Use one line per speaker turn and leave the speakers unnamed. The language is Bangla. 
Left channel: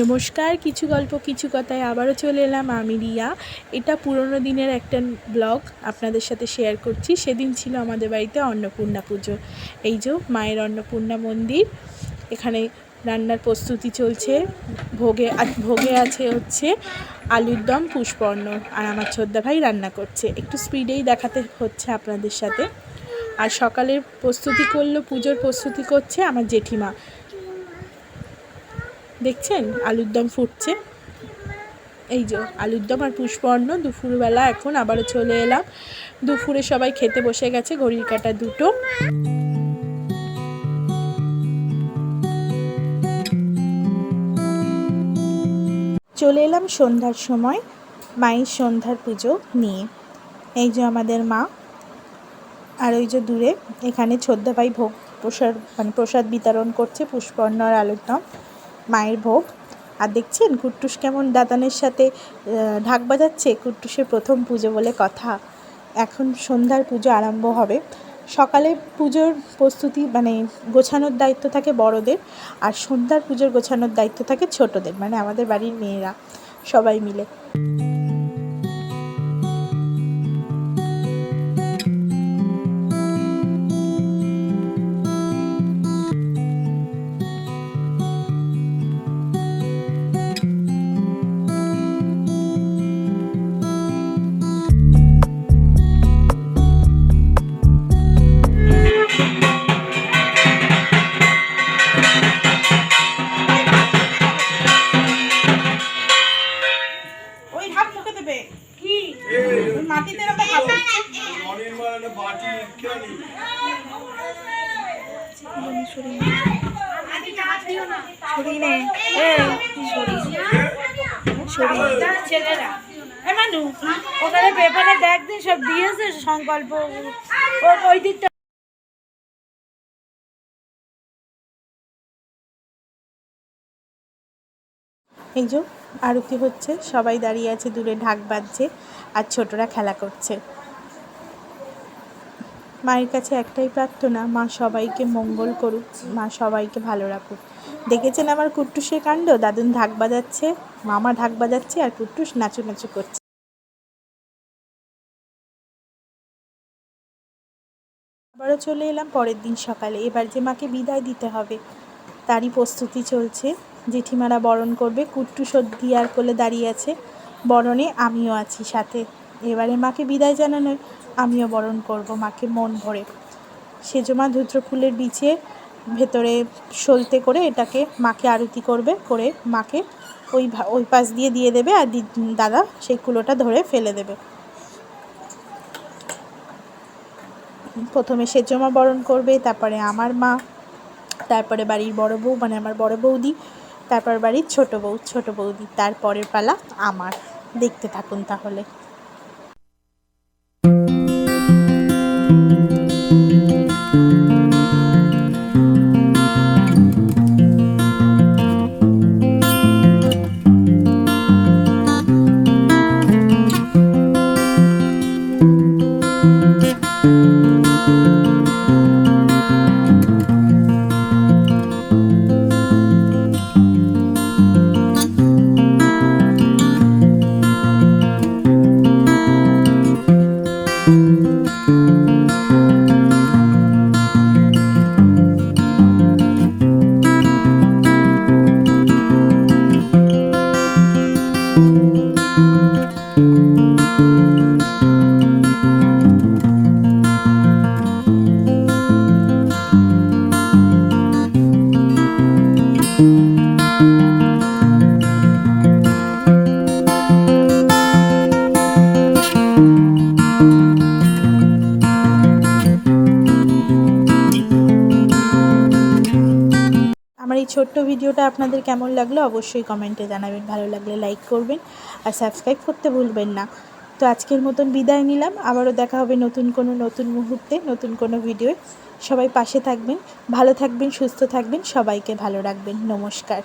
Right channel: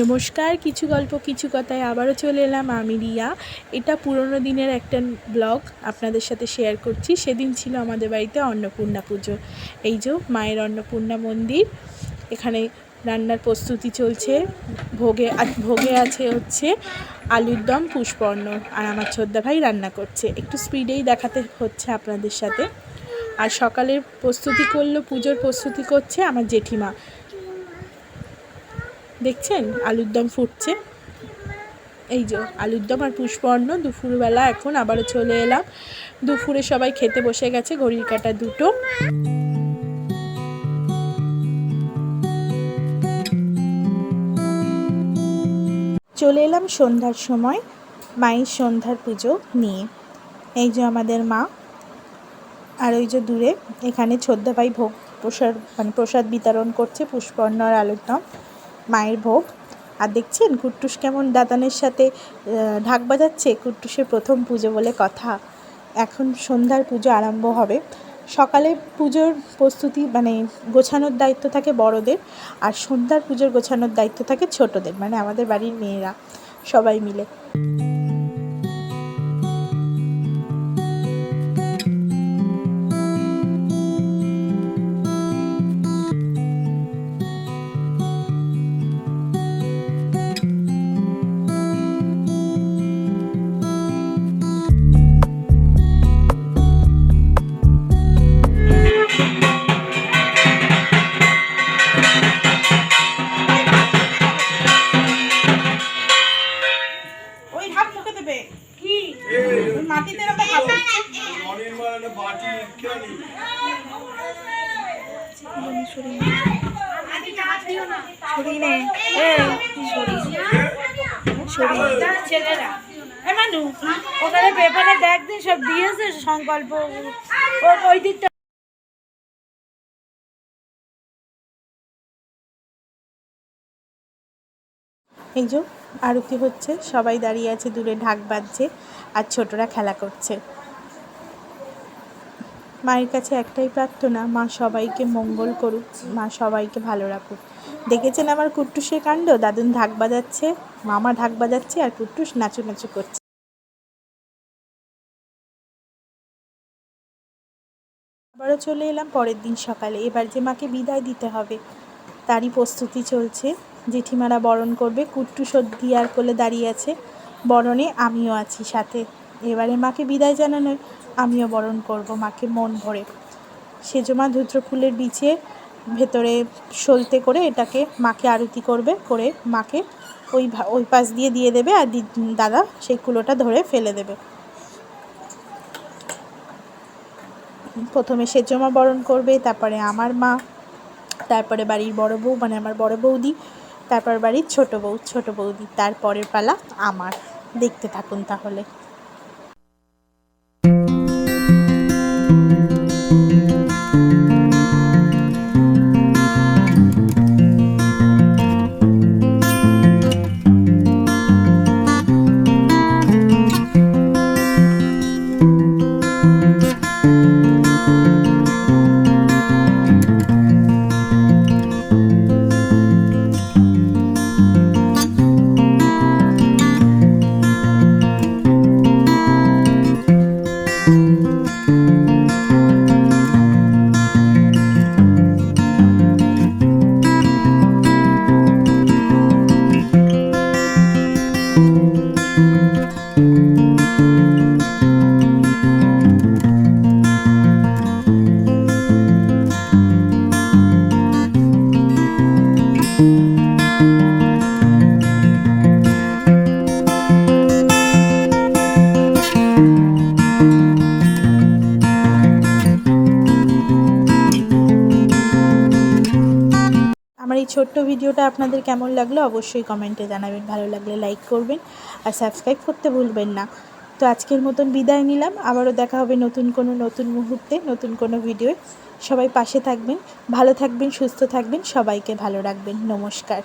নমস্কার, কিছু গল্প, কিছু কথায় আবারও চলে এলাম। আমি রিয়া। এটা পুরোনো দিনের একটা ব্লগ আপনাদের সাথে শেয়ার করছি। সেদিন ছিল আমাদের বাড়িতে অন্নপূর্ণা পুজো। এই যে মায়ের অন্নপূর্ণা মন্দির, এখানে রান্নার প্রস্তুতি চলছে। ভোগে ভোগে আছে হচ্ছে আলুর দম, পুষ্পর্ণ আর আমার ছোদ্দা ভাই রান্না করছে। একটু স্পিডেই দেখাতে হচ্ছে আপনাদের সাথে। আর সকালের প্রস্তুতি করল, পুজোর প্রস্তুতি করছে আমার জেঠিমা। দেখছেন? আলুর দম ফুটছে। এই যে, আলুর দম আর পুষ্পর্ণ দুপুরবেলা এখন আবারও চলে এলাম। দুপুরে সবাই খেতে বসে গেছে, ঘড়ির কাটা দুটো। চলে এলাম সন্ধ্যার সময়, মায়ের সন্ধ্যার পুজো নিয়ে। এই যে আমাদের মা, আর ওই যে দূরে, এখানে ছোদ্দাভাই ভোগ প্রসাদ মানে প্রসাদ বিতরণ করছে পুষ্পর্ণ আর আলুর দম। মায়ের ভোগ। আর দেখছেন কুট্টুস কেমন দাদানের সাথে ঢাক বাজাচ্ছে। কুট্টুসের প্রথম পুজো বলে কথা। এখন সন্ধ্যার পুজো আরম্ভ হবে। সকালে পুজোর প্রস্তুতি মানে গোছানোর দায়িত্ব থাকে বড়দের। আর সন্ধ্যার পুজোর গোছানোর দায়িত্ব থাকে ছোটদের মানে আমাদের বাড়ির মেয়েরা সবাই মিলে। দেবে? কি? মাটিতে
বাটি কেন
ছেলেরা। এ মানু ওখানে পেপারে দেখ দে সব দিয়েছে সংকল্প। ও ওই দিকটা
এই যে আরতি হচ্ছে, সবাই দাঁড়িয়ে আছে, দূরে ঢাক বাজছে আর ছোটরা খেলা করছে। মায়ের কাছে একটাই প্রার্থনা, মা সবাইকে মঙ্গল করুক, মা সবাইকে ভালো রাখুক। দেখেছেন আমার কুট্টুসের কাণ্ড? দাদুন ঢাক বাজাচ্ছে, মামা ঢাক বাজাচ্ছে আর কুট্টুস নাচু নাচু করছে। আবারও চলে এলাম পরের দিন সকালে। এবার যে মাকে বিদায় দিতে হবে, তারই প্রস্তুতি চলছে। জেঠিমারা বরণ করবে, কুট্টু সর্দি আর কোলে দাঁড়িয়ে আছে। বরণে আমিও আছি সাথে। এবারে মাকে বিদায় জানানোয় আমিও বরণ করব, মাকে মন ভরে। সেজমা ধুত্র ফুলের বিচে ভেতরে সলতে করে এটাকে মাকে আরতি করবে, করে মাকে ওই ওই পাশ দিয়ে দিয়ে দেবে আর দাদা সেই কুলোটা ধরে ফেলে দেবে। প্রথমে সেজমা বরণ করবে, তারপরে আমার মা, তারপরে বাড়ির বড় বউ মানে আমার বড় বৌদি তারপর বাড়ির ছোট বউ ছোট বৌদি তারপরের পালা আমার। দেখতে থাকুন তাহলে। আমার এই ছোট্ট ভিডিওটা আপনাদের কেমন লাগল অবশ্যই কমেন্টে জানাবেন। ভালো লাগলে লাইক করবেন আর সাবস্ক্রাইব করতে ভুলবেন না। তো আজকের মতন বিদায় নিলাম। আবারও দেখা হবে নতুন কোনো নতুন মুহূর্তে, নতুন কোনো ভিডিওয়ে সবাই পাশে থাকবেন, ভালো থাকবেন, সুস্থ থাকবেন, সবাইকে ভালো রাখবেন। নমস্কার।